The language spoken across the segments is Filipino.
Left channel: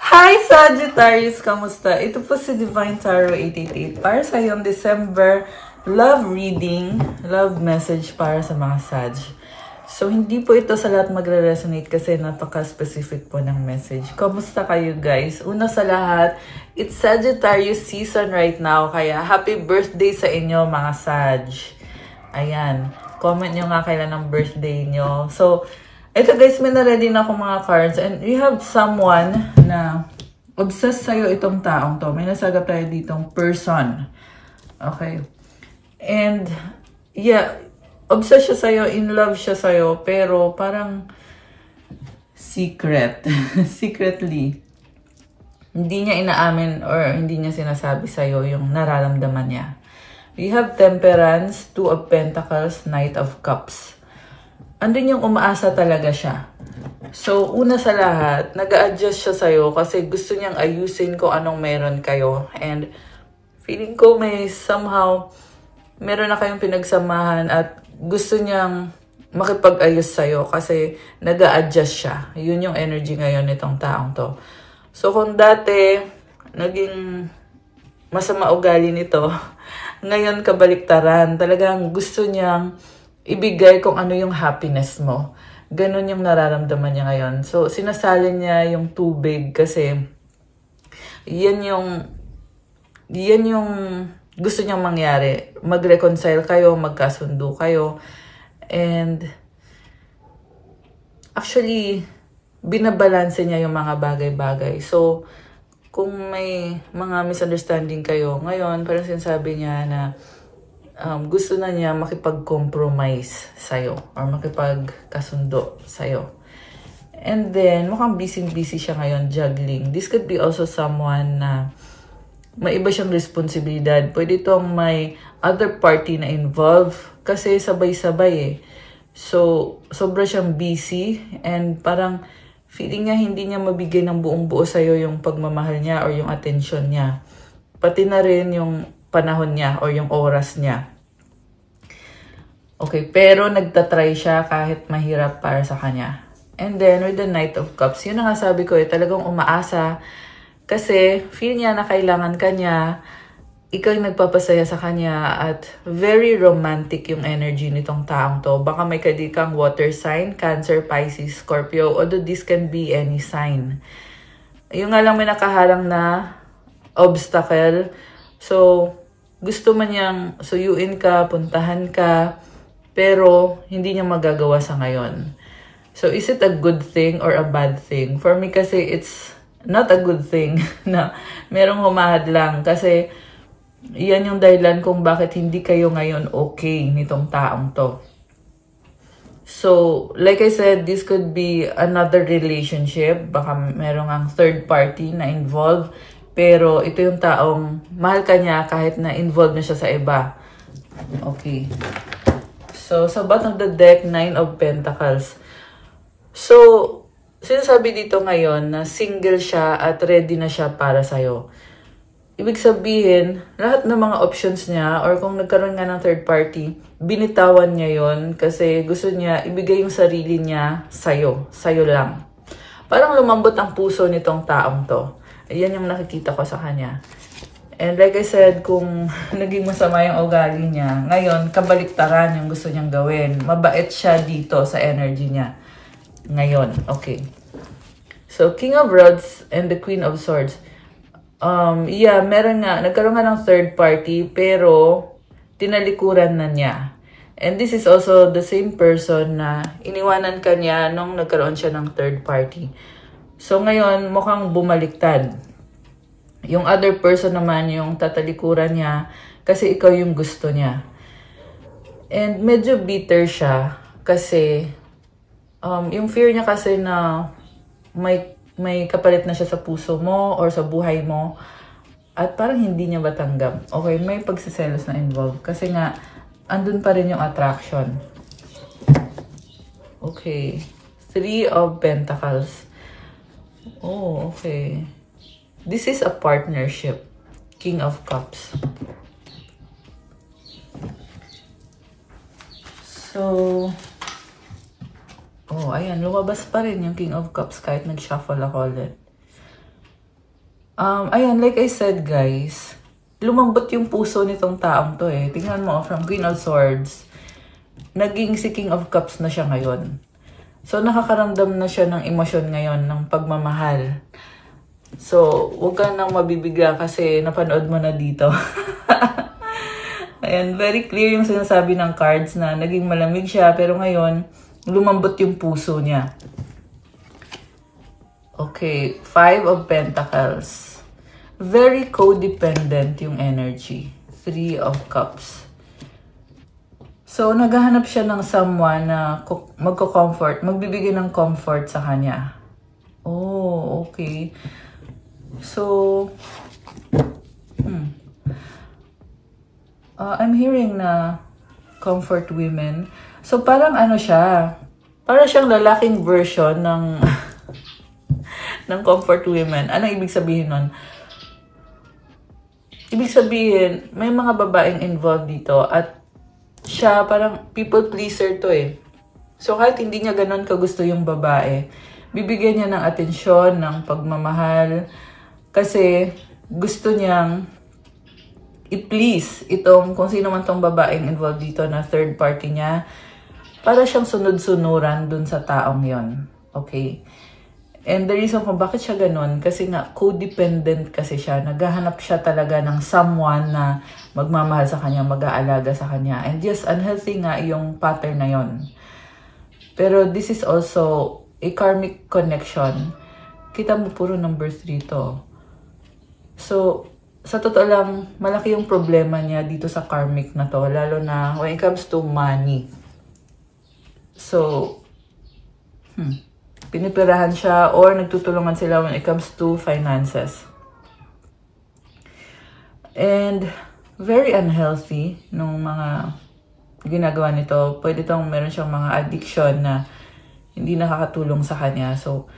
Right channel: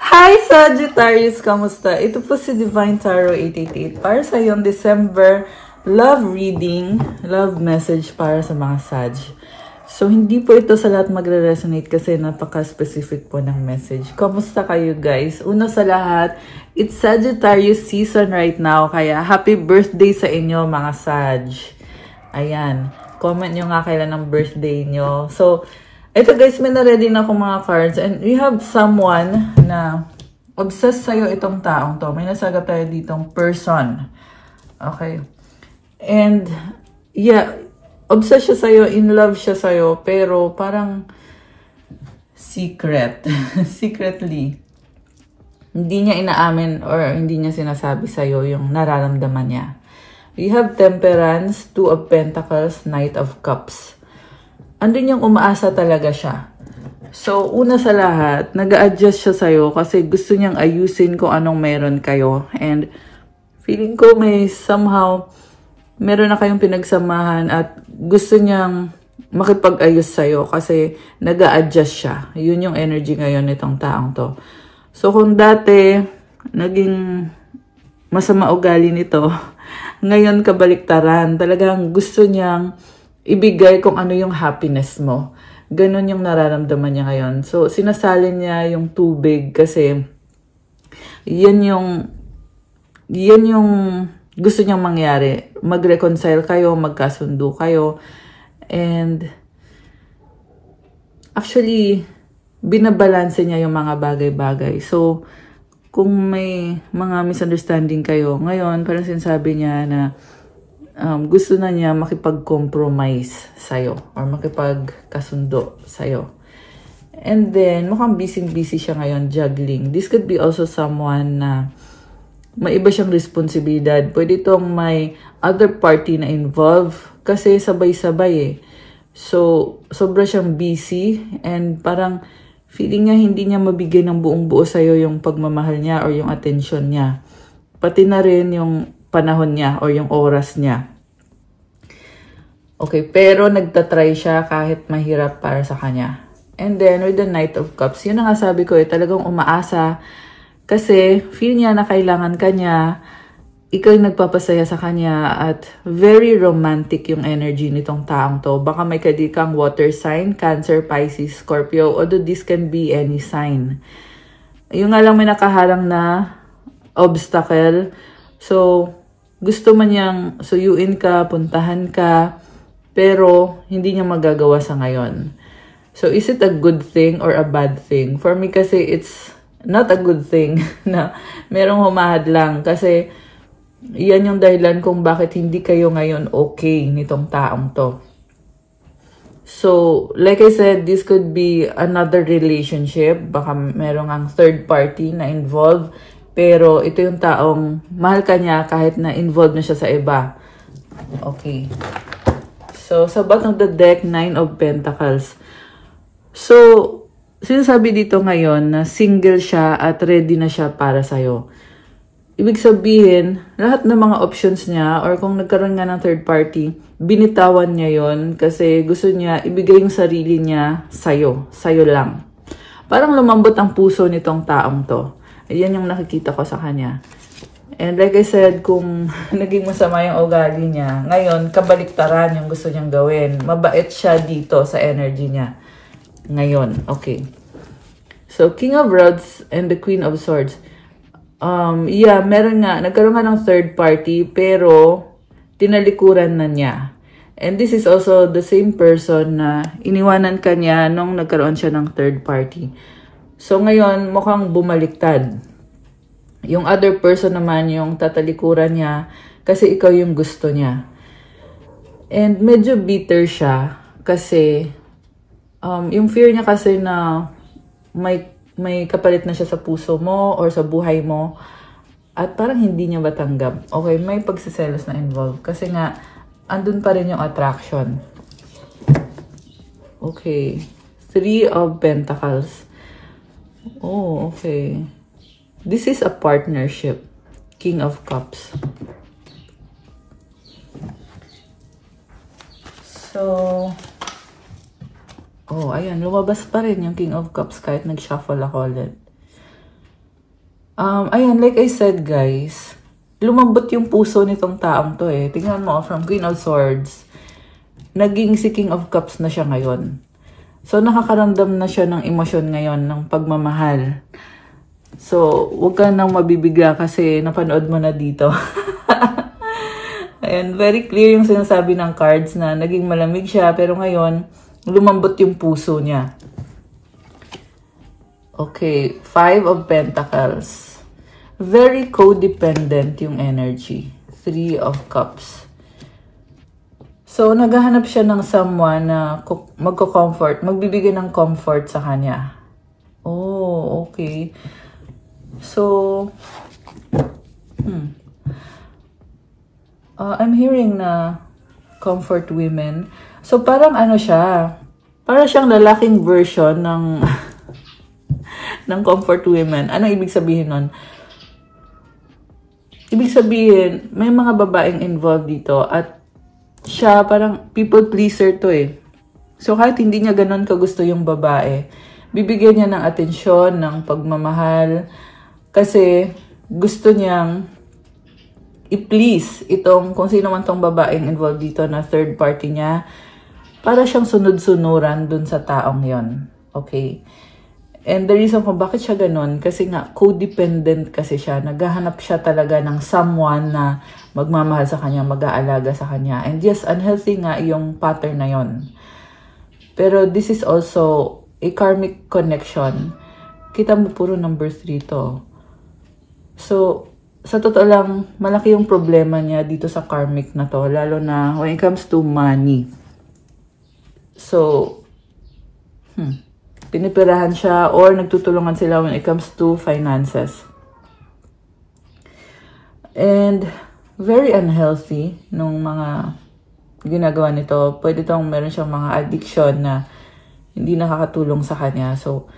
Hi Sagittarius! Kamusta? Ito po si Divine Tarot 888 para sa yung December love reading, love message para sa mga Sag. So, hindi po ito sa lahat magre-resonate kasi napaka-specific po ng message. Kamusta kayo guys? Una sa lahat, it's Sagittarius season right now, kaya happy birthday sa inyo mga Sag. Ayan, comment nyo nga kailan ang birthday nyo. So, ito guys, may na-ready na akong mga cards and we have someone na obsessed sa'yo itong taong to. May nasagap tayo ditong person. Okay. And, yeah, obsessed siya sa'yo, in love siya sa'yo, pero parang secret. Secretly. Hindi niya inaamin or hindi niya sinasabi sa'yo yung nararamdaman niya. We have Temperance, Two of Pentacles, Knight of Cups. Andun yung umaasa talaga siya. So, una sa lahat, nag-a-adjust siya sa'yo kasi gusto niyang ayusin kung anong meron kayo. And feeling ko may somehow, meron na kayong pinagsamahan at gusto niyang makipag-ayos sa'yo kasi nag-a-adjust siya. Yun yung energy ngayon nitong taong to. So, kung dati, naging masama ugali nito, ngayon kabaliktaran, talagang gusto niyang ibigay kung ano yung happiness mo. Ganon yung nararamdaman niya ngayon. So, sinasalin niya yung tubig kasi yan yung gusto niyang mangyari. Mag-reconcile kayo, magkasundo kayo. And actually, binabalanse niya yung mga bagay-bagay. So, kung may mga misunderstanding kayo, ngayon, parang sinasabi niya na gusto na niya makipag-compromise sa'yo or makipagkasundo sa'yo. And then, mukhang busy-busy siya ngayon juggling. This could be also someone na may iba siyang responsibilidad. Pwede itong may other party na involved kasi sabay-sabay eh. So, sobra siyang busy and parang feeling niya hindi niya mabigay ng buong buo sa'yo yung pagmamahal niya or yung attention niya. Pati na rin yung panahon niya or yung oras niya. Okay, pero nagtatry siya kahit mahirap para sa kanya. And then, with the Knight of Cups, yun ang sabi ko eh, talagang umaasa kasi feel niya na kailangan kanya, ikaw yung nagpapasaya sa kanya at very romantic yung energy nitong taong to. Baka may kadikang water sign, Cancer, Pisces, Scorpio, although this can be any sign. Yung nga lang may nakaharang na obstacle. So, gusto man niyang suyuin ka, puntahan ka, pero hindi niya magagawa sa ngayon. So, is it a good thing or a bad thing? For me kasi, it's not a good thing na merong humahad lang. Kasi, yan yung dahilan kung bakit hindi kayo ngayon okay nitong taong to. So, like I said, this could be another relationship. Baka merong ang third party na involved. Pero ito yung taong mahal ka niya kahit na involved na siya sa iba. Okay. So, sa bottom of the deck, Nine of Pentacles. So, sinasabi dito ngayon na single siya at ready na siya para sa'yo. Ibig sabihin, lahat ng mga options niya or kung nagkaroon nga ng third party, binitawan niya yon kasi gusto niya ibigay yung sarili niya sa'yo. Sa'yo lang. Parang lumambot ang puso nitong taong to. Ayan yung nakikita ko sa kanya. And like I said, kung naging masama yung ugali niya, ngayon, kabaliktaran yung gusto niyang gawin. Mabait siya dito sa energy niya. Ngayon, okay. So, King of Rods and the Queen of Swords. Yeah, meron nga, nagkaroon nga ng third party, pero tinalikuran na niya. And this is also the same person na iniwanan ka niya nung nagkaroon siya ng third party. So, ngayon, mukhang bumaliktad. Yung other person naman, yung tatalikuran niya, kasi ikaw yung gusto niya. And medyo bitter siya, kasi, yung fear niya kasi na may kapalit na siya sa puso mo or sa buhay mo, at parang hindi niya matanggap. Okay, may pagsiselos na involved, kasi nga, andun pa rin yung attraction. Okay. Three of Pentacles. Oh, okay. This is a partnership. King of Cups. So, oh, ayan. Lumabas pa rin yung King of Cups kahit nag-shuffle ako ulit. Ayan, like I said guys, lumambot yung puso nitong taong to eh. Tingnan mo, from Queen of Swords, naging si King of Cups na siya ngayon. So, nakakaramdam na siya ng emosyon ngayon, ng pagmamahal. So, huwag ka nang mabibigla kasi napanood mo na dito. Ayan, very clear yung sinasabi ng cards na naging malamig siya, pero ngayon, lumambot yung puso niya. Okay, 5 of Pentacles. Very codependent yung energy. 3 of Cups. So, naghahanap siya ng someone na magko-comfort, magbibigay ng comfort sa kanya. Oh, okay. So, I'm hearing na comfort women. So, parang ano siya, parang siyang lalaking version ng ng comfort women. Ano ibig sabihin nun? Ibig sabihin, may mga babaeng involved dito at siya parang people pleaser to eh. So kahit hindi niya ganun kagusto yung babae, bibigyan niya ng atensyon, ng pagmamahal kasi gusto niyang i-please itong kung sino man tong babaeng involved dito na third party niya para siyang sunod-sunuran dun sa taong yon. Okay? And the reason kung bakit siya ganun, kasi nga, codependent kasi siya. Naghahanap siya talaga ng someone na magmamahal sa kanya, mag-aalaga sa kanya. And yes, unhealthy nga yung pattern na yon. Pero this is also a karmic connection. Kita mo puro number 3 to. So, sa totoo lang, malaki yung problema niya dito sa karmic na to. Lalo na when it comes to money. So, pinipirahan siya or nagtutulungan sila when it comes to finances. And very unhealthy nung mga ginagawa nito. Pwede tong meron siyang mga addiction na hindi nakakatulong sa kanya. So,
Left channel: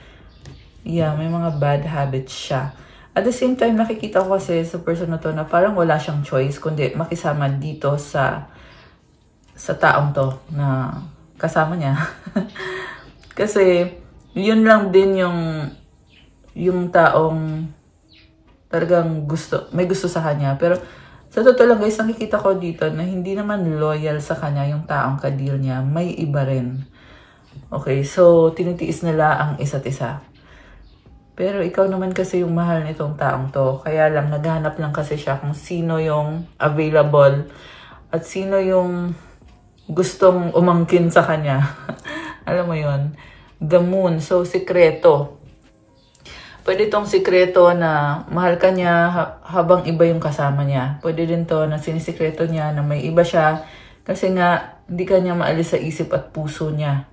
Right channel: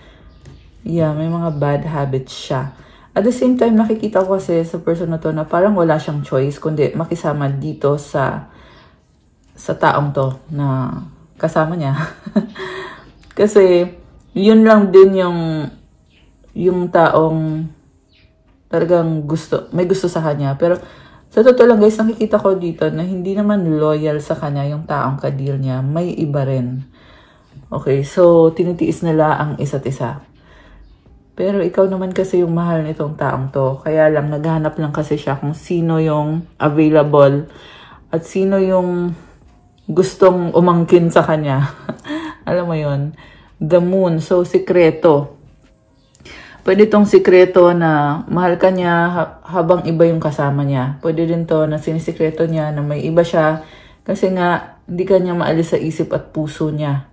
yeah, may mga bad habits siya. At the same time, nakikita ko kasi sa person na to na parang wala siyang choice kundi makisama dito sa taong to na kasama niya. Kasi yun lang din yung taong talagang may gusto sa kanya. Pero sa totoo lang guys, nakikita ko dito na hindi naman loyal sa kanya yung taong kadil niya. May iba rin. Okay, so tinitiis nila ang isa't isa. Pero ikaw naman kasi yung mahal nitong taong to. Kaya lang, naghahanap lang kasi siya kung sino yung available at sino yung gustong umangkin sa kanya. Alam mo yun? The moon. So, sikreto. Pwede tong sikreto na mahal ka niya habang iba yung kasama niya. Pwede din to na sinisikreto niya na may iba siya kasi nga hindi ka niya maalis sa isip at puso niya.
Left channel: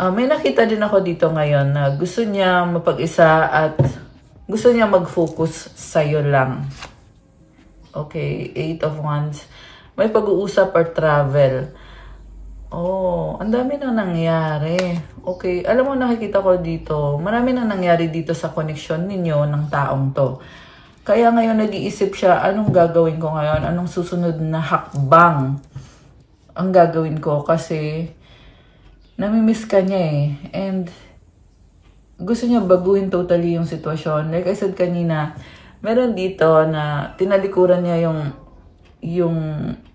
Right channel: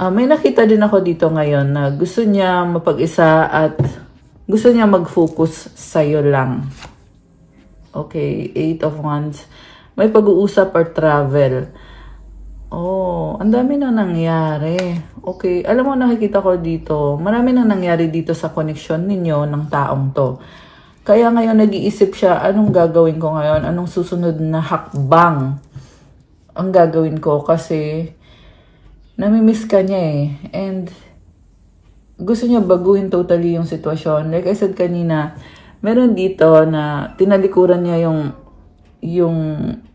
May nakita din ako dito ngayon na gusto niya mapag-isa at gusto niya mag-focus sa'yo lang. Okay, 8 of Wands. May pag-uusap or travel. Oh, ang dami na nangyari. Okay, alam mo nakikita ko dito, marami na nangyari dito sa connection ninyo ng taong to. Kaya ngayon nag-iisip siya, anong gagawin ko ngayon? Anong susunod na hakbang ang gagawin ko? Kasi namimiss ka niya eh. And gusto niya baguhin totally yung sitwasyon. Like I said kanina, meron dito na tinalikuran niya yung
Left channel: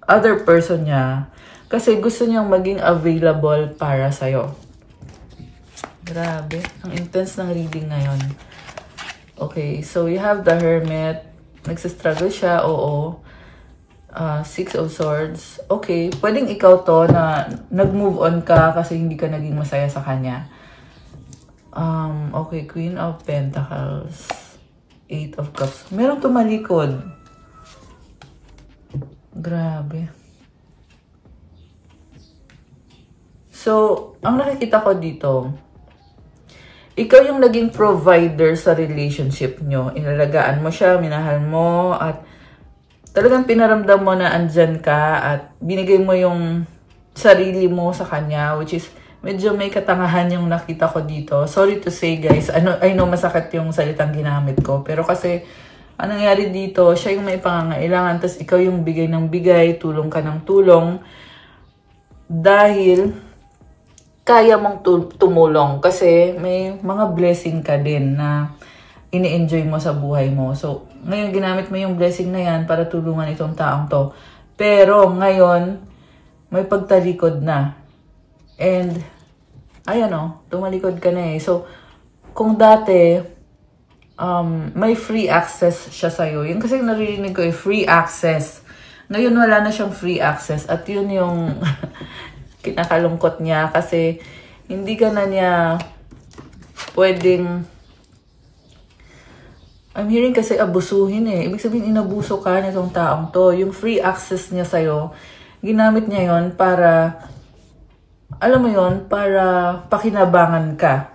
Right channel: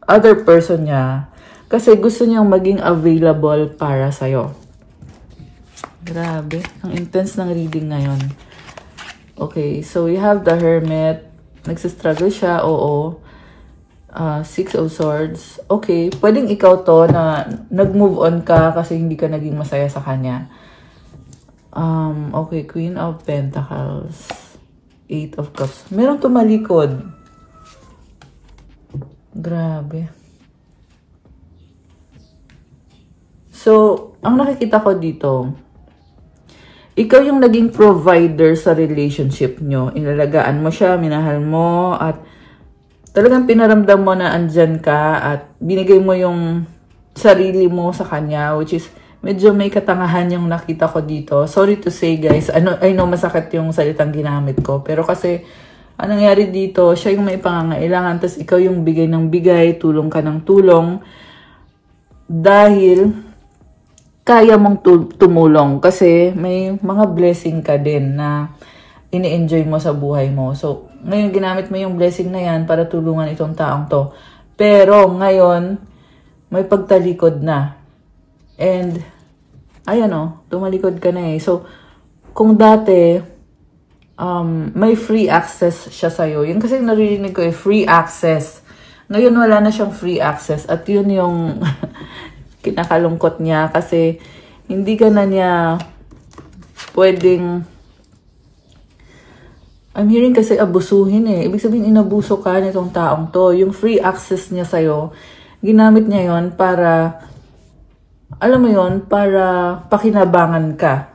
other person niya. Kasi gusto niyang maging available para sa'yo. Grabe. Ang intense ng reading ngayon. Okay, so we have the Hermit. Nagsistruggle siya, oo. 6 of Swords. Okay, pwedeng ikaw to na nag-move on ka kasi hindi ka naging masaya sa kanya. Okay, Queen of Pentacles. 8 of Cups. Meron tumalikod. Grabe. So, ang nakikita ko dito, ikaw yung naging provider sa relationship nyo. Inalagaan mo siya, minahal mo, at talagang pinaramdam mo na andyan ka at binigay mo yung sarili mo sa kanya, which is medyo may katangahan yung nakita ko dito. Sorry to say guys, I know masakit yung salitang ginamit ko, pero kasi ang nangyari dito, siya yung may pangangailangan, tapos ikaw yung bigay ng bigay, tulong ka ng tulong, dahil kaya mong tumulong kasi may mga blessing ka din na ini-enjoy mo sa buhay mo. So, ngayon ginamit mo yung blessing na yan para tulungan itong taong to. Pero ngayon, may pagtalikod na. And, ayan o, tumalikod ka na eh. So, kung dati, may free access siya sa'yo. Yung kasi naririnig ko eh, free access. Ngayon wala na siyang free access. At yun yung kinakalungkot niya kasi hindi ka na niya pwedeng, I'm hearing kasi abusuhin eh. Ibig sabihin inabuso ka nitong taong to. Yung free access niya sa'yo, ginamit niya yon para, alam mo yon, para pakinabangan ka.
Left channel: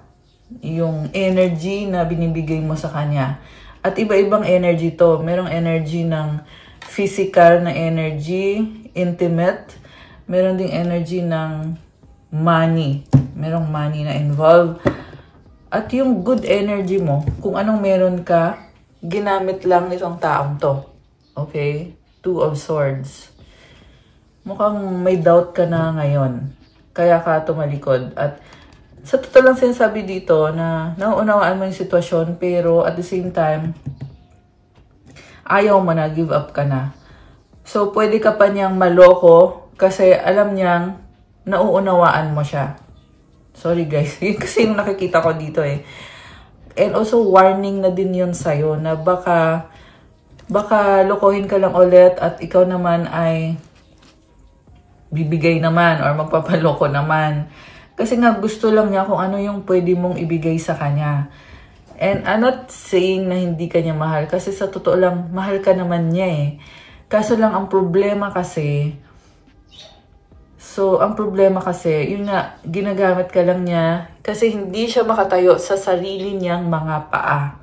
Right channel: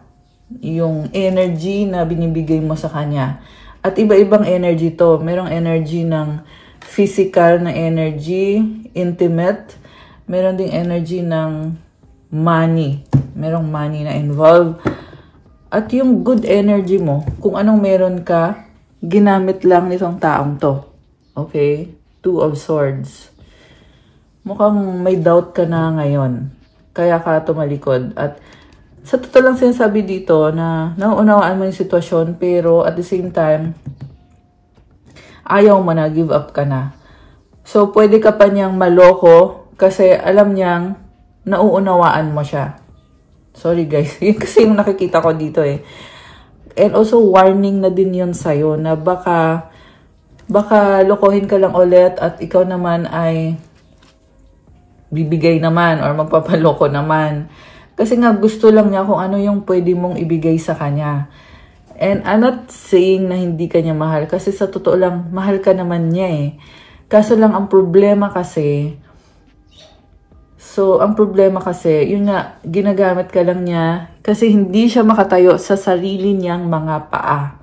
Yung energy na binibigay mo sa kanya. At iba-ibang energy to. Merong energy ng physical na energy, intimate. Meron ding energy ng money. Merong money na involved. At yung good energy mo, kung anong meron ka, ginamit lang nitong taong to. Okay? Two of Swords. Mukhang may doubt ka na ngayon. Kaya ka tumalikod. At sa totoo lang sinasabi dito na nauunawaan mo yung sitwasyon pero at the same time, ayaw mo na, give up ka na. So, pwede ka pa niyang maloko kasi alam niyang nauunawaan mo siya. Sorry guys, yun kasi yung nakikita ko dito eh. And also, warning na din yun sa'yo na baka lokohin ka lang ulit at ikaw naman ay bibigay naman or magpapaloko naman. Kasi nga gusto lang niya kung ano yung pwede mong ibigay sa kanya. And I'm not saying na hindi ka niya mahal. Kasi sa totoo lang, mahal ka naman niya eh. Kaso lang ang problema kasi, yun nga, ginagamit ka lang niya kasi hindi siya makatayo sa sarili niyang mga paa.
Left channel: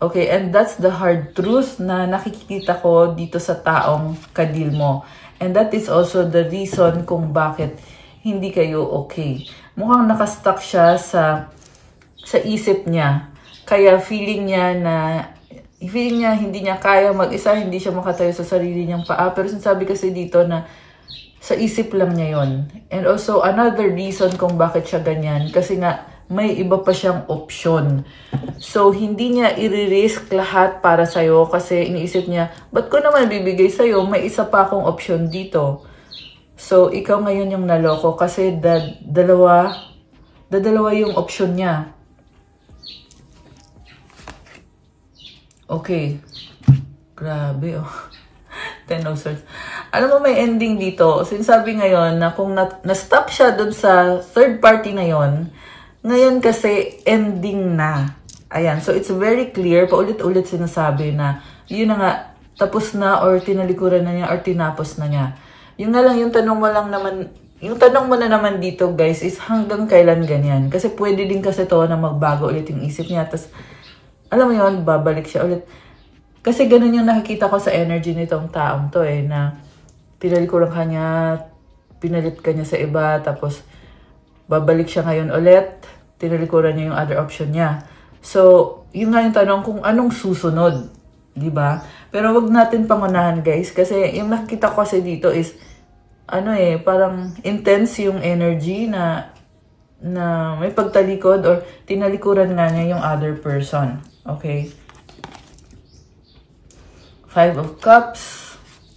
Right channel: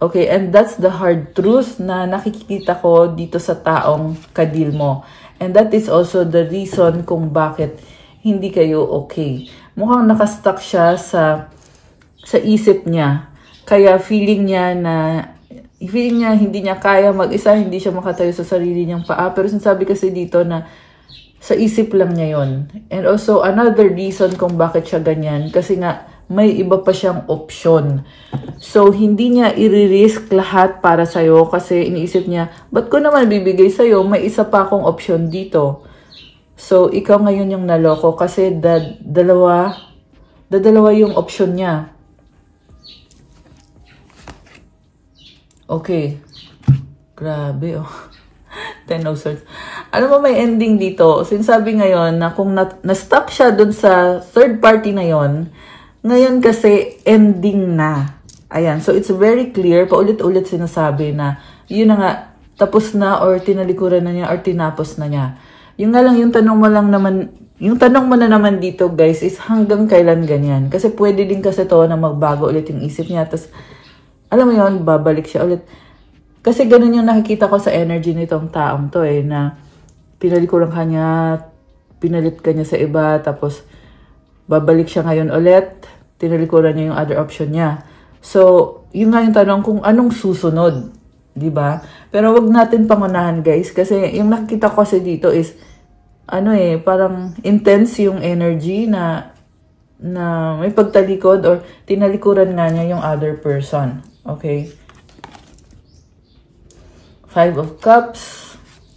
Okay, and that's the hard truth na nakikita ko dito sa taong kadil mo. And that is also the reason kung bakit hindi kayo okay. Mukhang nakastuck siya sa isip niya. Kaya feeling niya hindi niya kaya mag-isa, hindi siya makatayo sa sarili niyang paa. Pero sinasabi kasi dito na sa isip lang niya yon. And also, another reason kung bakit siya ganyan, kasi nga, may iba pa siyang option. So, hindi niya i-risk lahat para sa'yo kasi iniisip niya, ba't ko naman bibigay sa'yo? May isa pa akong option dito. So, ikaw ngayon yung naloko kasi dalawa yung option niya. Okay. Grabe, oh. Ten of Swords. Alam mo, may ending dito. Sinasabi ngayon na kung na-stuck siya dun sa third party na yon, ngayon kasi ending na. Ayan. So, it's very clear. Paulit-ulit sinasabi na yun na nga, tapos na or tinalikuran na niya or tinapos na niya. Yung nga lang, yung tanong mo na naman dito, guys, is hanggang kailan ganyan? Kasi pwede din kasi to na magbago ulit yung isip niya. Tapos, alam mo yun, babalik siya ulit. Kasi ganun yung nakikita ko sa energy nitong taong to eh, na tinalikuran ka niya, pinalit ka niya sa iba, tapos babalik siya ngayon ulit, tinalikuran niya yung other option niya. So, yun nga yung tanong kung anong susunod, di ba? Pero wag natin pangunahan guys, kasi yung nakikita ko kasi dito is, parang intense yung energy na may pagtalikod or tinalikuran nga niya yung other person. Okay? Five of Cups.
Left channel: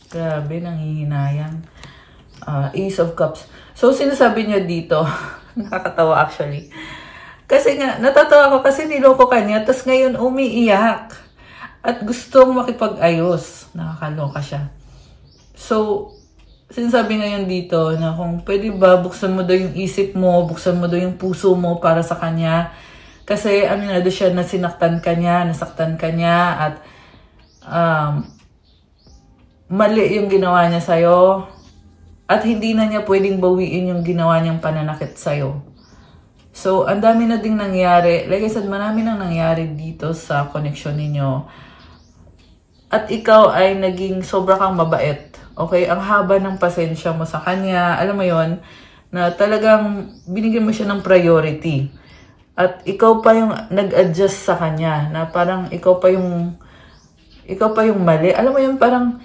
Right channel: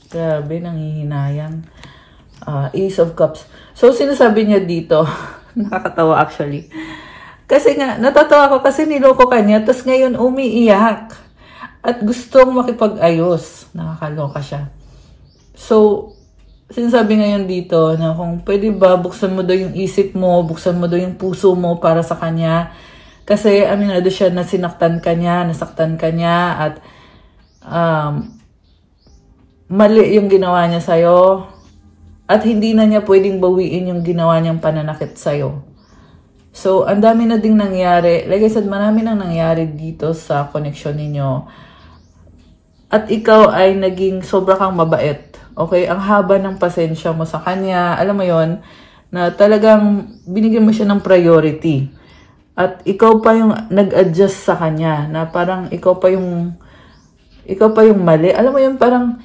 Grabe, nanghihinayan. Ace of Cups. So, sinasabi niya dito, nakakatawa actually. Kasi nga, natatawa ko kasi niloko ka niya, tapos ngayon umiiyak. At gustong makipag-ayos. Nakakaloka siya. So, sinasabi ngayon dito na kung pwede ba, buksan mo daw yung isip mo, buksan mo daw yung puso mo para sa kanya. Kasi, aminado siya na nasaktan ka niya, at mali yung ginawa niya sa'yo at hindi na niya pwedeng bawiin yung ginawa niyang pananakit sa'yo. So, ang dami na ding nangyari. Like I said, marami nang nangyari dito sa connection ninyo. At ikaw ay naging sobra kang mabait. Okay? Ang haba ng pasensya mo sa kanya. Alam mo yon na talagang binigyan mo siya ng priority. At ikaw pa yung nag-adjust sa kanya na parang ikaw pa yung mali. Alam mo yun, parang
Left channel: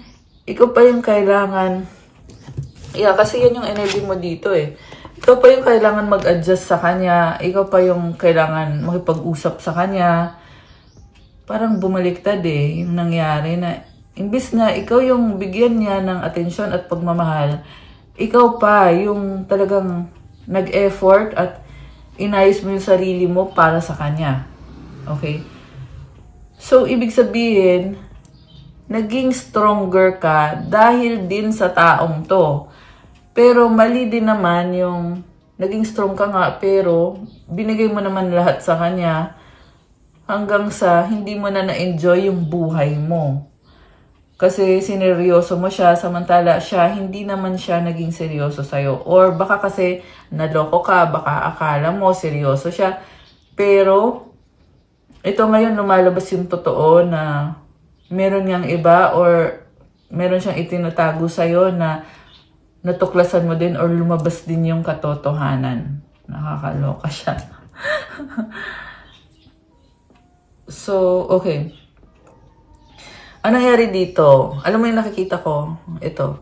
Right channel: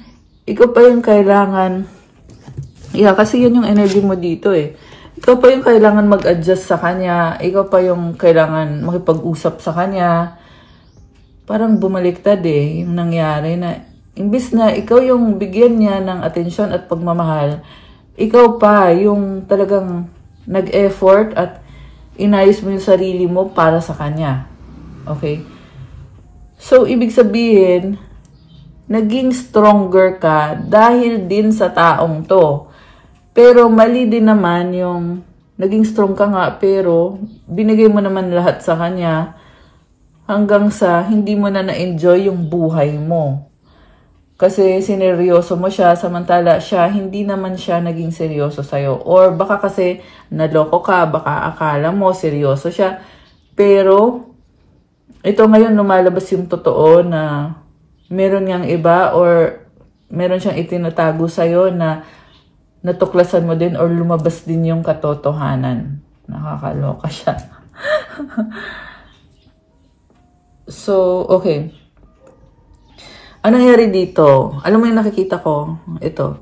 ikaw pa yung kailangan. Yeah, kasi yun yung energy mo dito eh. Ikaw pa yung kailangan mag-adjust sa kanya. Ikaw pa yung kailangan makipag-usap sa kanya. parang bumaliktad eh, yung nangyari na imbis na ikaw yung bigyan niya ng atensyon at pagmamahal, ikaw pa yung talagang nag-effort at inayos mo yung sarili mo para sa kanya. Okay? So, ibig sabihin, naging stronger ka dahil din sa taong to. Pero mali din naman yung naging strong ka nga pero binigay mo naman lahat sa kanya hanggang sa hindi mo na na-enjoy yung buhay mo. Kasi sineryoso mo siya, samantala siya, hindi naman siya naging seryoso sa'yo. Or baka kasi naloko ka, baka akala mo seryoso siya. Pero ito ngayon lumalabas yung totoo na meron niyang iba or meron siyang itinatago sa'yo na natuklasan mo din or lumabas din yung katotohanan. Nakakaloka siya. So, okay. Ano nangyari dito? Alam mo yung nakikita ko? Ito.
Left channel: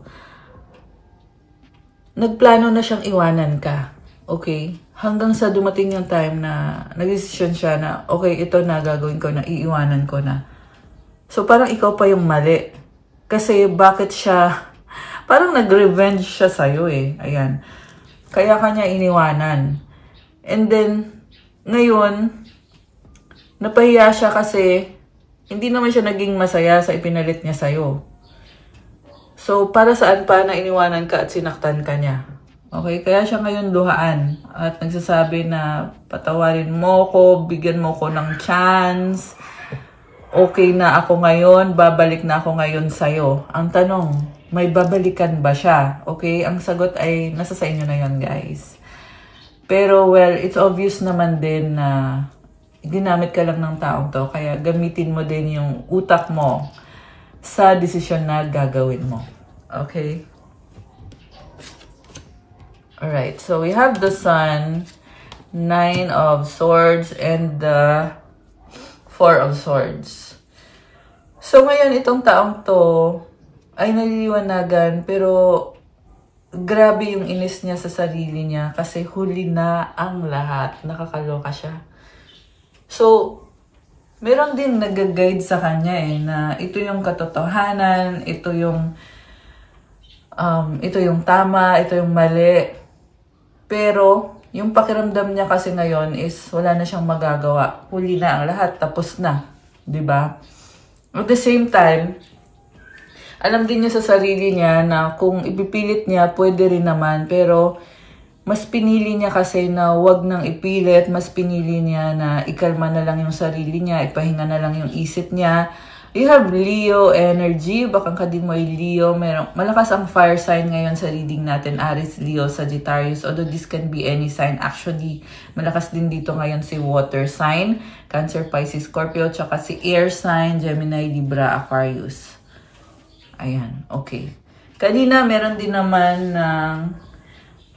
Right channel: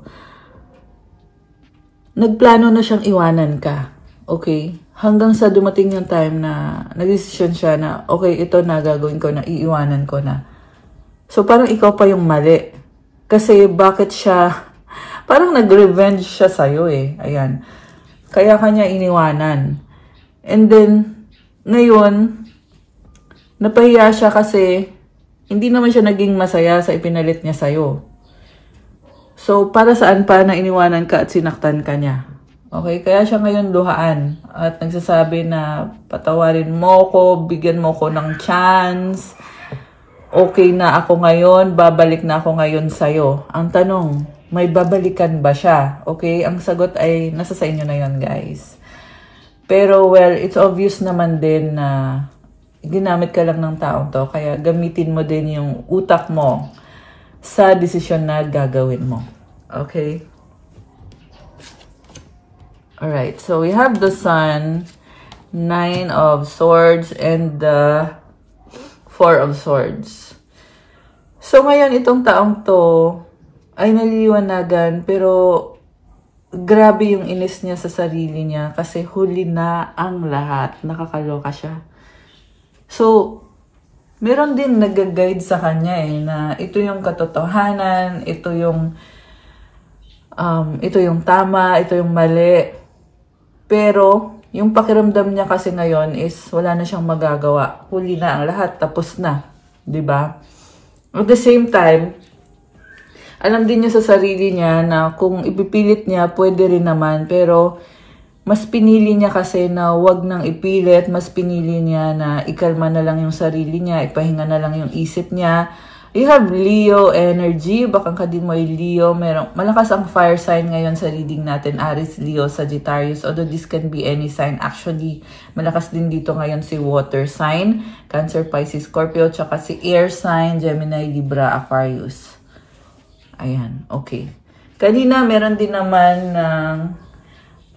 Nagplano na siyang iwanan ka. Okay? Hanggang sa dumating yung time na nag-decision siya na, okay, ito na gagawin ko na, iiwanan ko na. So, parang ikaw pa yung mali. Kasi bakit siya, parang nag-revenge siya sa'yo eh. Ayan. Kaya kanya iniwanan. And then, ngayon, napahiya siya kasi hindi naman siya naging masaya sa ipinalit niya sa'yo. So, para saan pa na iniwanan ka at sinaktan ka niya? Okay, kaya siya ngayon luhaan at nagsasabi na patawarin mo ko, bigyan mo ko ng chance. Okay na ako ngayon, babalik na ako ngayon sa'yo. Ang tanong, may babalikan ba siya? Okay, ang sagot ay nasa sa inyo na yun, guys. Pero, well, it's obvious naman din na ginamit ka lang ng taong to, kaya gamitin mo din yung utak mo sa desisyon na gagawin mo. Okay? Alright, so we have the Sun, 9 of Swords, and the 4 of Swords. So ngayon, itong taong to ay naliliwanagan, pero grabe yung inis niya sa sarili niya kasi huli na ang lahat. Nakakaloka siya. So, meron din nag-guide sa kanya eh, na ito yung katotohanan, ito yung tama, ito yung mali. Pero, yung pakiramdam niya kasi ngayon is wala na siyang magagawa. Huli na ang lahat, tapos na. 'Di ba? At the same time, alam din niya sa sarili niya na kung ipipilit niya, pwede rin naman. Pero, mas pinili niya kasi na wag nang ipilit, mas pinili niya na ikalma na lang yung sarili niya, ipahinga na lang yung isip niya. You have Leo energy, baka ka din mo ay Leo. Malakas ang fire sign ngayon sa reading natin, Aries, Leo, Sagittarius. Although this can be any sign. Actually, malakas din dito ngayon si water sign, Cancer, Pisces, Scorpio, tsaka si air sign, Gemini, Libra, Aquarius. Ayan, okay. Kanina, meron din naman ng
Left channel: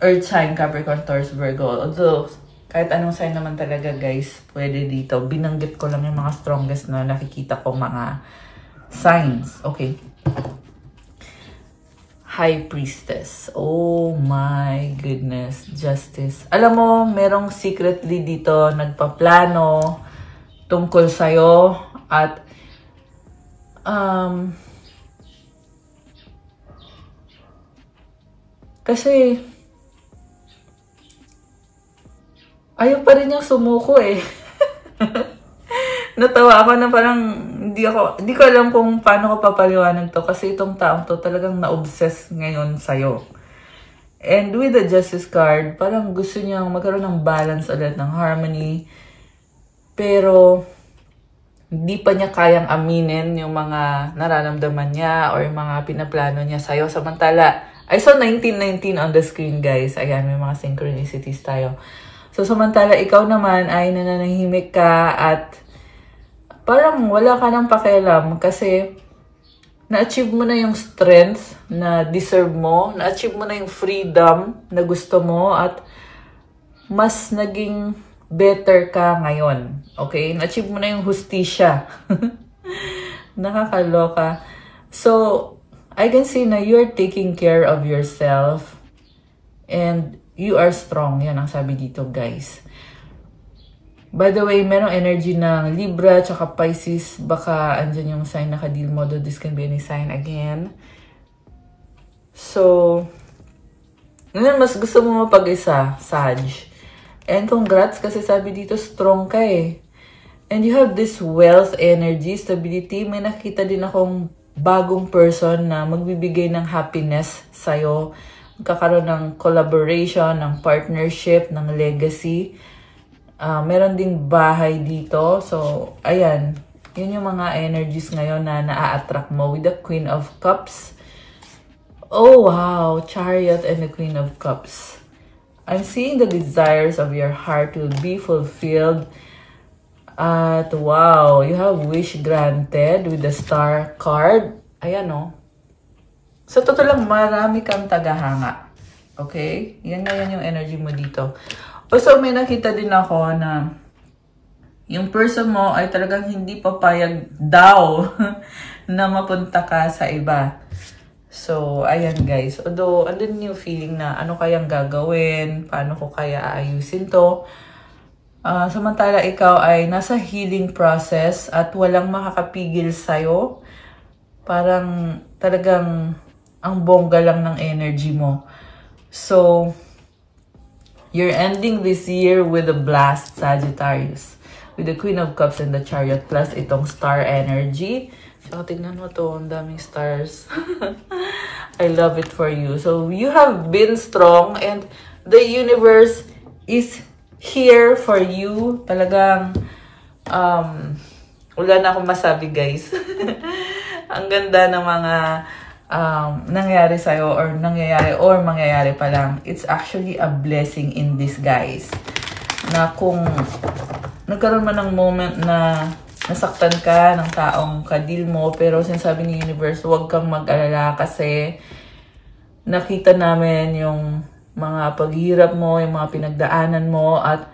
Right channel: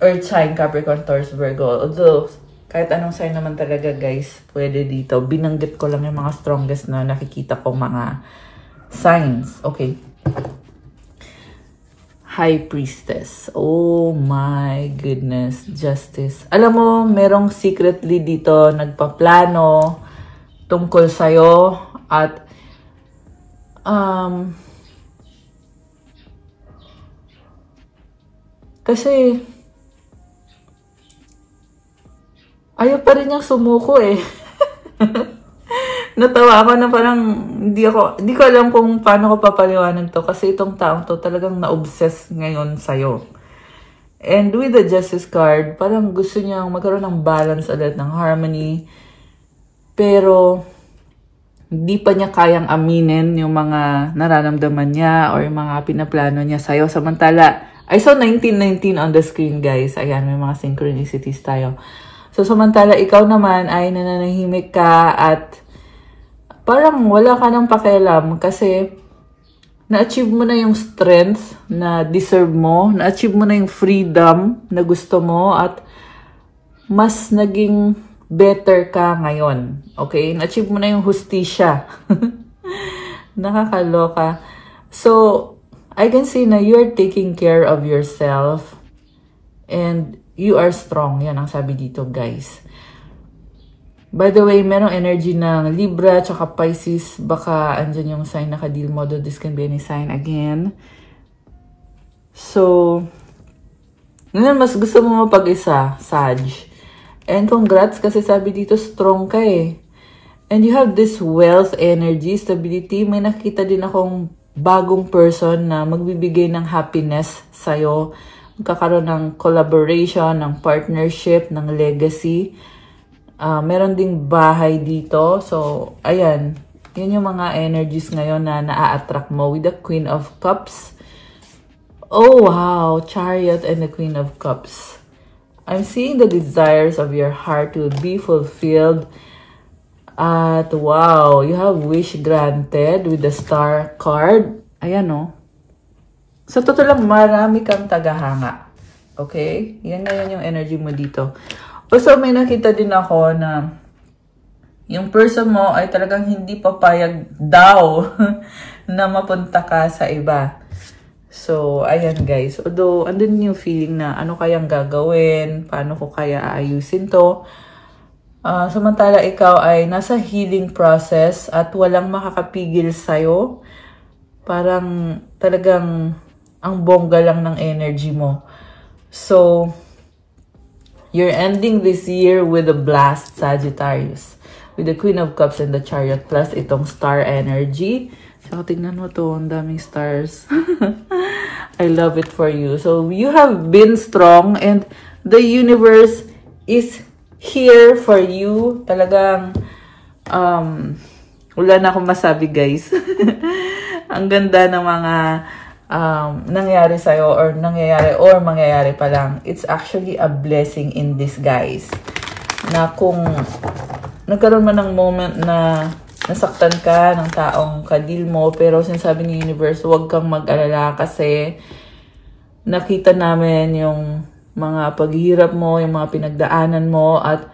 Earth sign, Capricorn, Taurus, Virgo. Although, kahit anong sign naman talaga guys, pwede dito. Binanggit ko lang yung mga strongest na nakikita ko mga signs. Okay. High Priestess. Oh my goodness. Justice. Alam mo, merong secretly dito nagpaplano tungkol sa'yo at kasi ayaw pa rin niyang sumuko eh. Natawa ako na parang hindi ko alam kung paano ko papaliwanag to kasi itong taong to talagang na-obsess ngayon sa'yo. And with the Justice card, parang gusto niyang magkaroon ng balance ulit, ng harmony. Pero hindi pa niya kayang aminin yung mga nararamdaman niya or yung mga pinaplano niya sa'yo. Samantala, I saw 1919 on the screen guys. Ayan, may mga synchronicities tayo. So, samantala, ikaw naman ay nananahimik ka at parang wala ka ng pakialam kasi na-achieve mo na yung strength na deserve mo, na-achieve mo na yung freedom na gusto mo at mas naging better ka ngayon. Okay? Na-achieve mo na yung hustisya. Nakakaloka. So, I can see na you're taking care of yourself and you are strong. Yan ang sabi dito, guys. By the way, merong energy ng Libra tsaka Pisces. Baka andyan yung sign naka-deal mo. This can be any sign again. So, ngayon mas gusto mo mapag-isa, Sag. And congrats kasi sabi dito strong ka eh. And you have this wealth, energy, stability. May nakita din akong bagong person na magbibigay ng happiness sa'yo. Magkakaroon ng collaboration, ng partnership, ng legacy. Meron ding bahay dito. So, ayan. Yun yung mga energies ngayon na naa-attract mo with the Queen of Cups. Oh, wow. Chariot and the Queen of Cups. I'm seeing the desires of your heart will be fulfilled. At wow, you have wish granted with the Star card. Ayan o. Sa totoo lang, marami kang tagahanga. Okay? Yan na yan yung energy mo dito. So, may nakita din ako na yung person mo ay talagang hindi papayag daw na mapunta ka sa iba. So, ayan guys. Although, andun yung feeling na ano kayang gagawin, paano ko kaya aayusin to. Samantala ikaw ay nasa healing process at walang makakapigil sa'yo. Parang talagang ang bongga lang ng energy mo. So, you're ending this year with a blast, Sagittarius. With the Queen of Cups and the Chariot plus itong star energy. So, tingnan mo to. Ang daming stars. I love it for you. So, you have been strong and the universe is here for you. Talagang, wala na akong masabi, guys. Ang ganda ng mga nangyari sa'yo or mangyayari pa lang. It's actually a blessing in disguise. Na kung nagkaroon man ng moment na nasaktan ka ng taong kadil mo, pero sinasabi ni Universe, huwag kang mag-alala kasi nakita namin yung mga paghihirap mo, yung mga pinagdaanan mo, at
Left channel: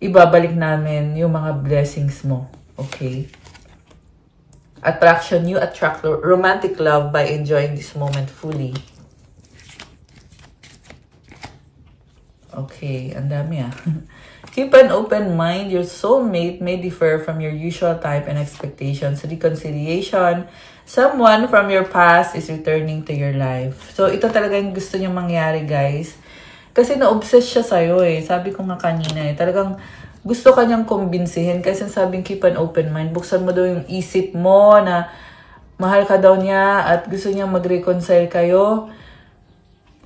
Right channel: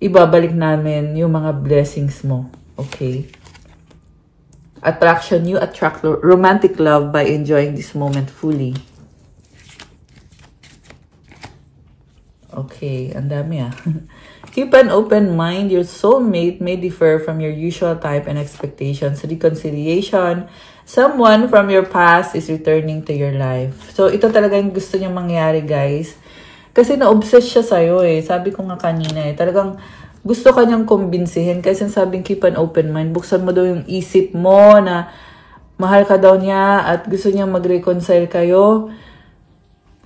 ibabalik namin yung mga blessings mo. Okay? Attraction, you attract romantic love by enjoying this moment fully. Okay, ang dami ah. Keep an open mind. Your soulmate may differ from your usual type and expectations. Reconciliation. Someone from your past is returning to your life. So, ito talaga yung gusto niyo mangyari, guys. Kasi na-obsess siya sa'yo eh. Sabi ko nga kanina eh. Talagang gusto ka niyang kumbinsihin. Kasi sabing keep an open mind. Buksan mo daw yung isip mo na mahal ka daw niya at gusto niyang mag-reconcile kayo.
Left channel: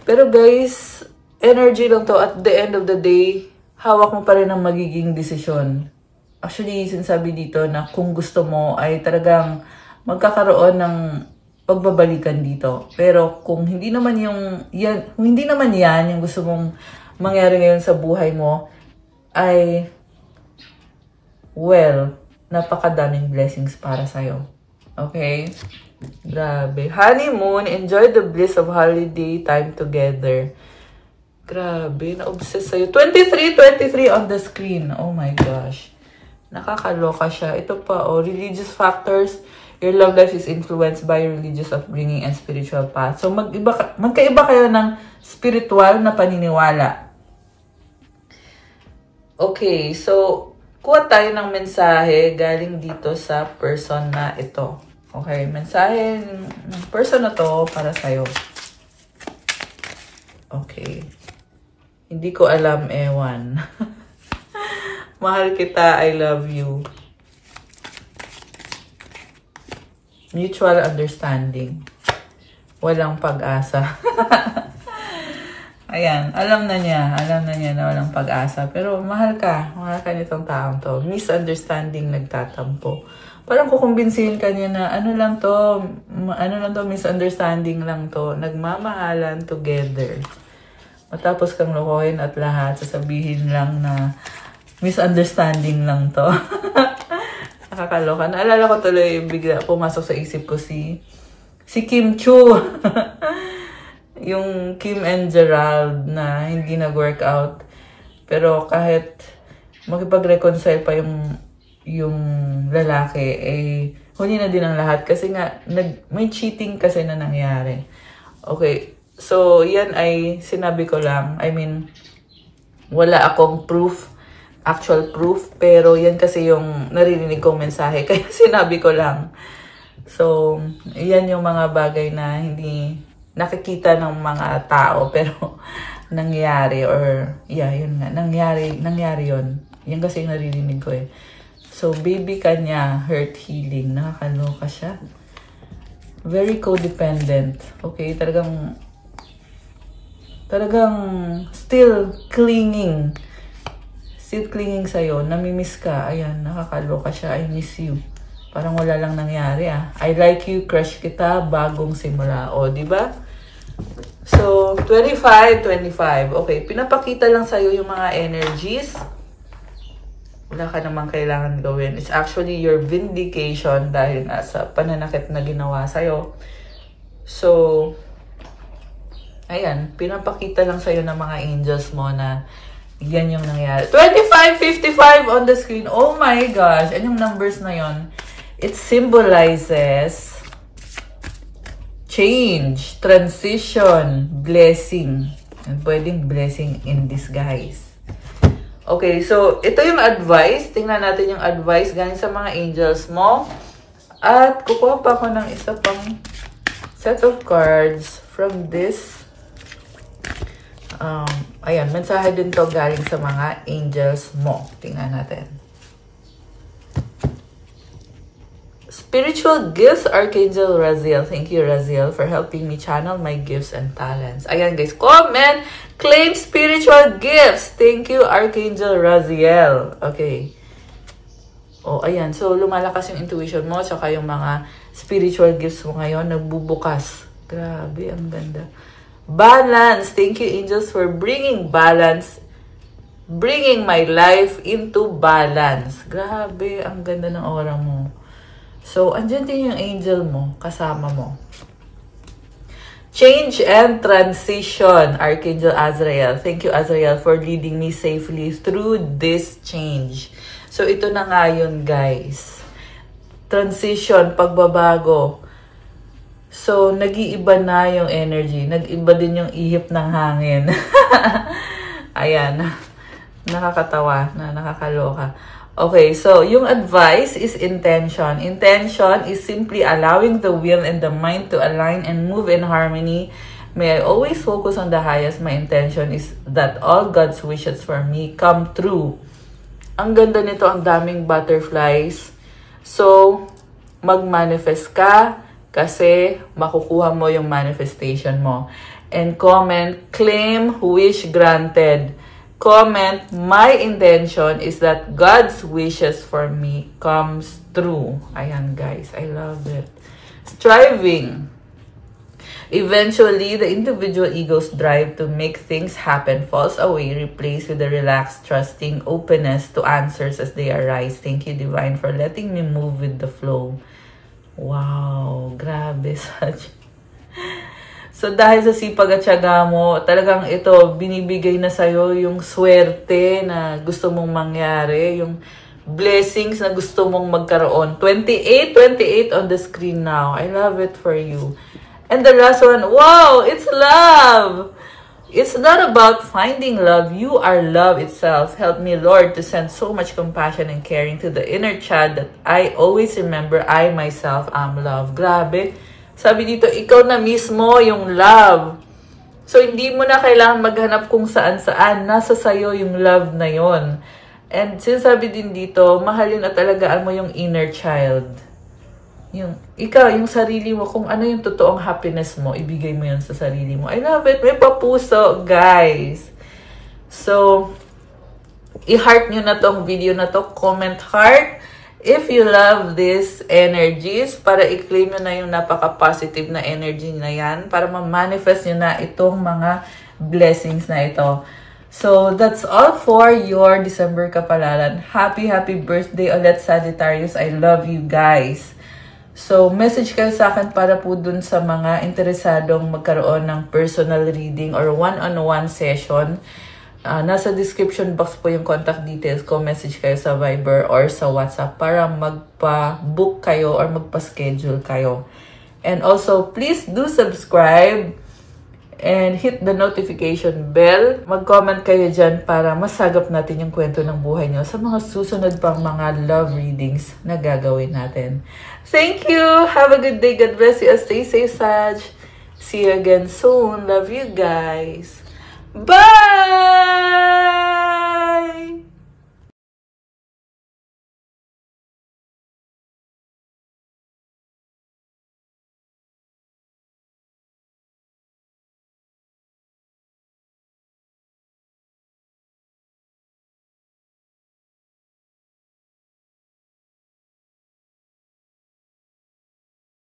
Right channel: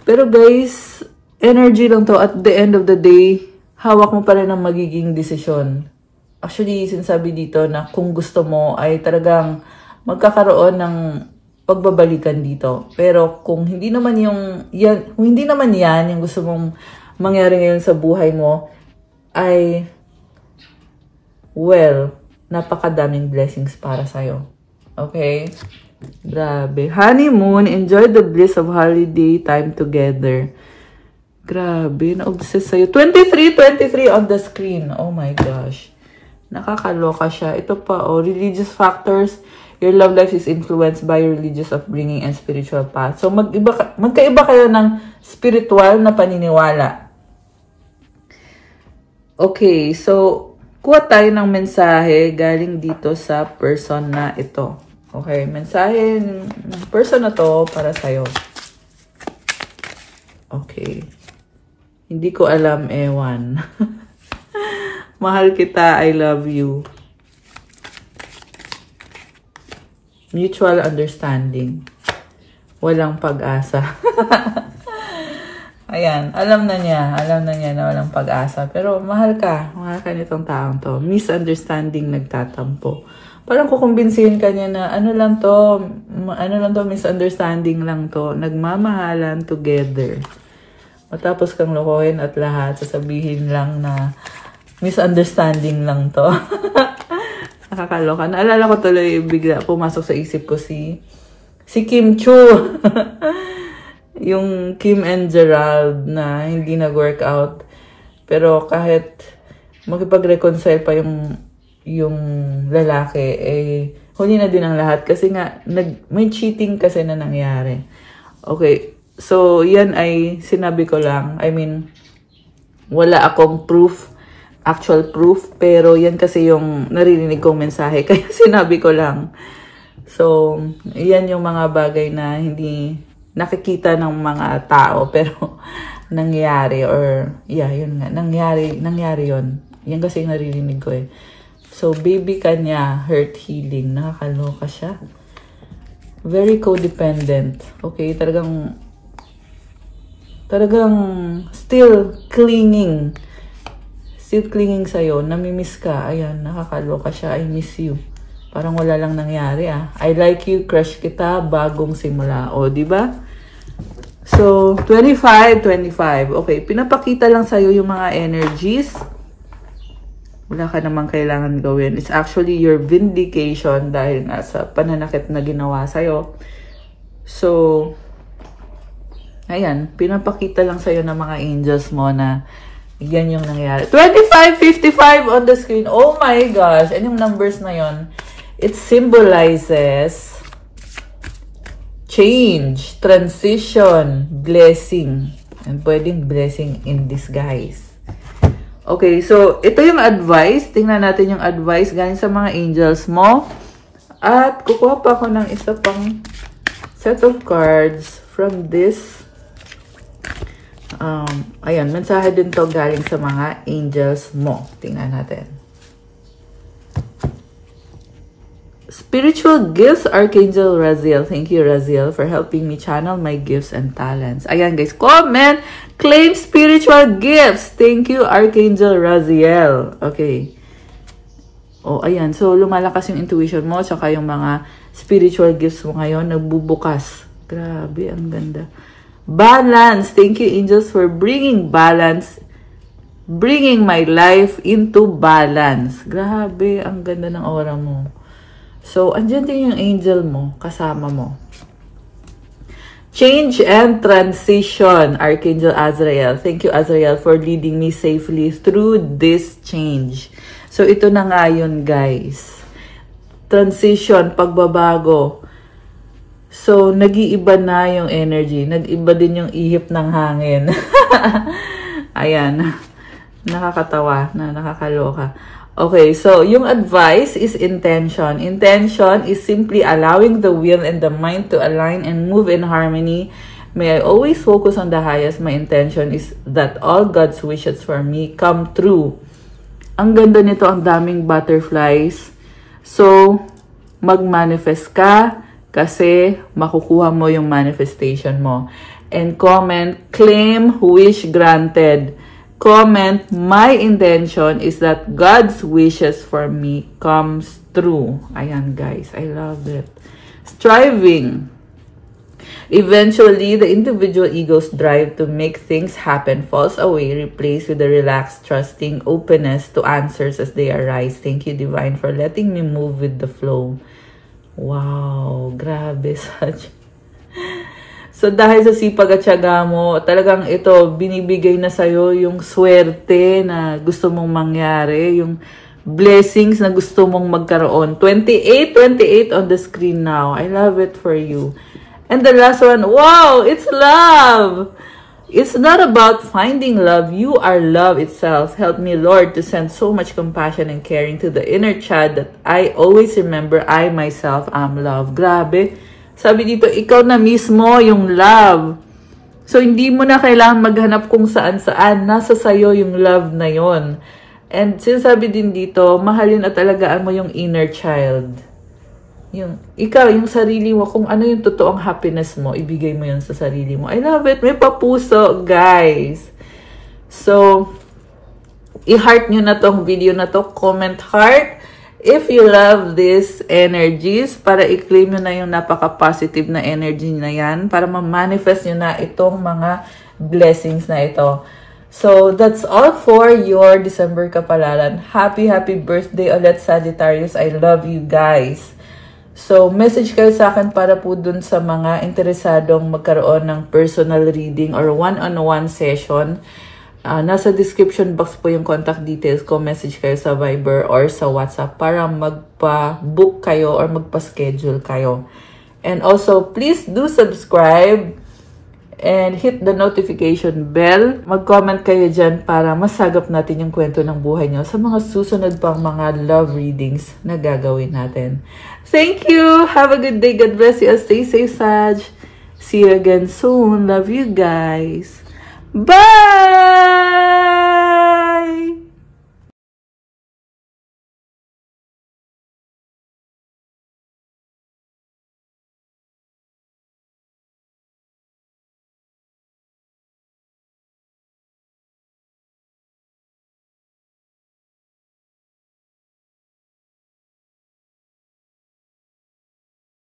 Pero guys, energy lang to. At the end of the day, hawak mo pa rin ang magiging desisyon. Actually, sinasabi dito na kung gusto mo ay talagang magkakaroon ng pagbabalikan dito. Pero kung hindi naman yan yung gusto mong mangyari ngayon sa buhay mo, ay well, napakadaming blessings para sa'yo. Okay? Grabe. Honeymoon, enjoy the bliss of holiday time together. Grabe, na-obsess sa'yo. 23 on the screen. Oh my gosh. Nakakaloka siya. Ito pa, religious factors. Your love life is influenced by your religious upbringing and spiritual path. So, magkaiba kayo ng spiritual na paniniwala. Okay, so, kuha tayo ng mensahe galing dito sa person na ito. Okay, mensahe ng person na to para sa'yo. Okay. Hindi ko alam, ewan. Mahal kita, I love you. Mutual understanding. Walang pag-asa. Ayan, alam na niya na walang pag-asa. Pero mahal ka nitong taong to. Misunderstanding nagtatampo. Parang kukumbinsihin ka niya na ano lang to, misunderstanding lang to. Nagmamahalan together. Matapos kang lokohin at lahat, sasabihin lang na misunderstanding lang to. Nakakaloka. Naalala ko tuloy, bigla pumasok sa isip ko si Kim Chu. Yung Kim and Gerald na hindi nag-work out. Pero kahit makipag-reconcile pa yung lalaki, eh, huli na din ang lahat. Kasi nga, may cheating kasi na nangyari. Okay. So, yan ay sinabi ko lang. I mean, wala akong proof actual proof, pero yan kasi yung naririnig kong mensahe, kaya sinabi ko lang. So, yan yung mga bagay na hindi nakikita ng mga tao, pero nangyari, or yeah, yun nga, nangyari yun. Yan kasi naririnig ko eh. So, baby kanya, hurt healing, nakakaloka siya. Very codependent. Okay, talagang still clinging. Still clinging sa'yo. Namimiss ka. Ayan, nakakaloka siya. I miss you. Parang wala lang nangyari ah. I like you, crush kita, bagong simula. O, diba? So, 25. Okay, pinapakita lang sa'yo yung mga energies. Wala ka namang kailangan gawin. It's actually your vindication dahil nga sa pananakit na ginawa sa'yo. So, ayan, pinapakita lang sa'yo ng mga angels mo na yan yung nangyari. 25:55 on the screen. Oh my gosh. Anong numbers na yon? It symbolizes change, transition, blessing. And pwedeng blessing in disguise. Okay, so ito yung advice. Tingnan natin yung advice galing sa mga angels mo. At kukuha pa ako ng isa pang set of cards from this. Ayan, mensahe din to galing sa mga angels mo. Tingnan natin. Spiritual gifts, Archangel Raziel. Thank you, Raziel, for helping me channel my gifts and talents. Ayan, guys. Comment. Claim spiritual gifts. Thank you, Archangel Raziel. Okay. Oh, ayan. So, lumalakas yung intuition mo. Tsaka yung mga spiritual gifts mo ngayon. Nagbubukas. Grabe, ang ganda. Balance. Thank you, angels, for bringing balance. Bringing my life into balance. Grabe, ang ganda ng aura mo. So, andyan din yung angel mo, kasama mo. Change and transition, Archangel Azrael. Thank you, Azrael, for leading me safely through this change. So, ito na nga yun, guys. Transition, pagbabago. So, nag-iiba na yung energy. Nag-iba din yung ihip ng hangin. Ayan. Nakakatawa, nakakaloka. Okay, so yung advice is intention. Intention is simply allowing the will and the mind to align and move in harmony. May I always focus on the highest. My intention is that all God's wishes for me come true. Ang ganda nito, ang daming butterflies. So, mag-manifest ka kasi makukuha mo yung manifestation mo. And comment, claim wish granted. Comment, my intention is that God's wishes for me comes true. Ayan, guys. I love it. Striving. Eventually, the individual ego's drive to make things happen falls away, replaced with the relaxed, trusting openness to answers as they arise. Thank you, Divine, for letting me move with the flow. Wow. Grabe. So, dahil sa sipag at tiyaga mo, talagang ito, binibigay na sa'yo yung swerte na gusto mong mangyari, yung blessings na gusto mong magkaroon. 28 on the screen now. I love it for you. And the last one, wow, it's love. It's not about finding love. You are love itself. Help me, Lord, to send so much compassion and caring to the inner child that I always remember I myself am love. Grabe. Sabi dito, ikaw na mismo yung love. So, hindi mo na kailangan maghanap kung saan-saan. Nasa sayo yung love na yon. And sinasabi din dito, mahalin at alagaan mo yung inner child. Yung, ikaw, yung sarili mo, kung ano yung totoong happiness mo, ibigay mo yun sa sarili mo. I love it. May papuso, guys. So, i-heart nyo na tong video na to. Comment heart. If you love these energies, para i-claim nyo na yung napaka-positive na energy na yan, para ma-manifest nyo na itong mga blessings na ito. So, that's all for your December kapalaran. Happy birthday ulit, Sagittarius. I love you guys. So, message kayo sa akin para po dun sa mga interesadong magkaroon ng personal reading or one-on-one session. Nasa description box po yung contact details ko. Message kayo sa Viber or sa WhatsApp para magpa-book kayo or magpa-schedule kayo. And also, please do subscribe And hit the notification bell. Mag-comment kayo dyan para masagap natin yung kwento ng buhay nyo sa mga susunod pang mga love readings na gagawin natin. Thank you! Have a good day. God bless you. Stay safe, Sag. See you again soon. Love you guys. Bye!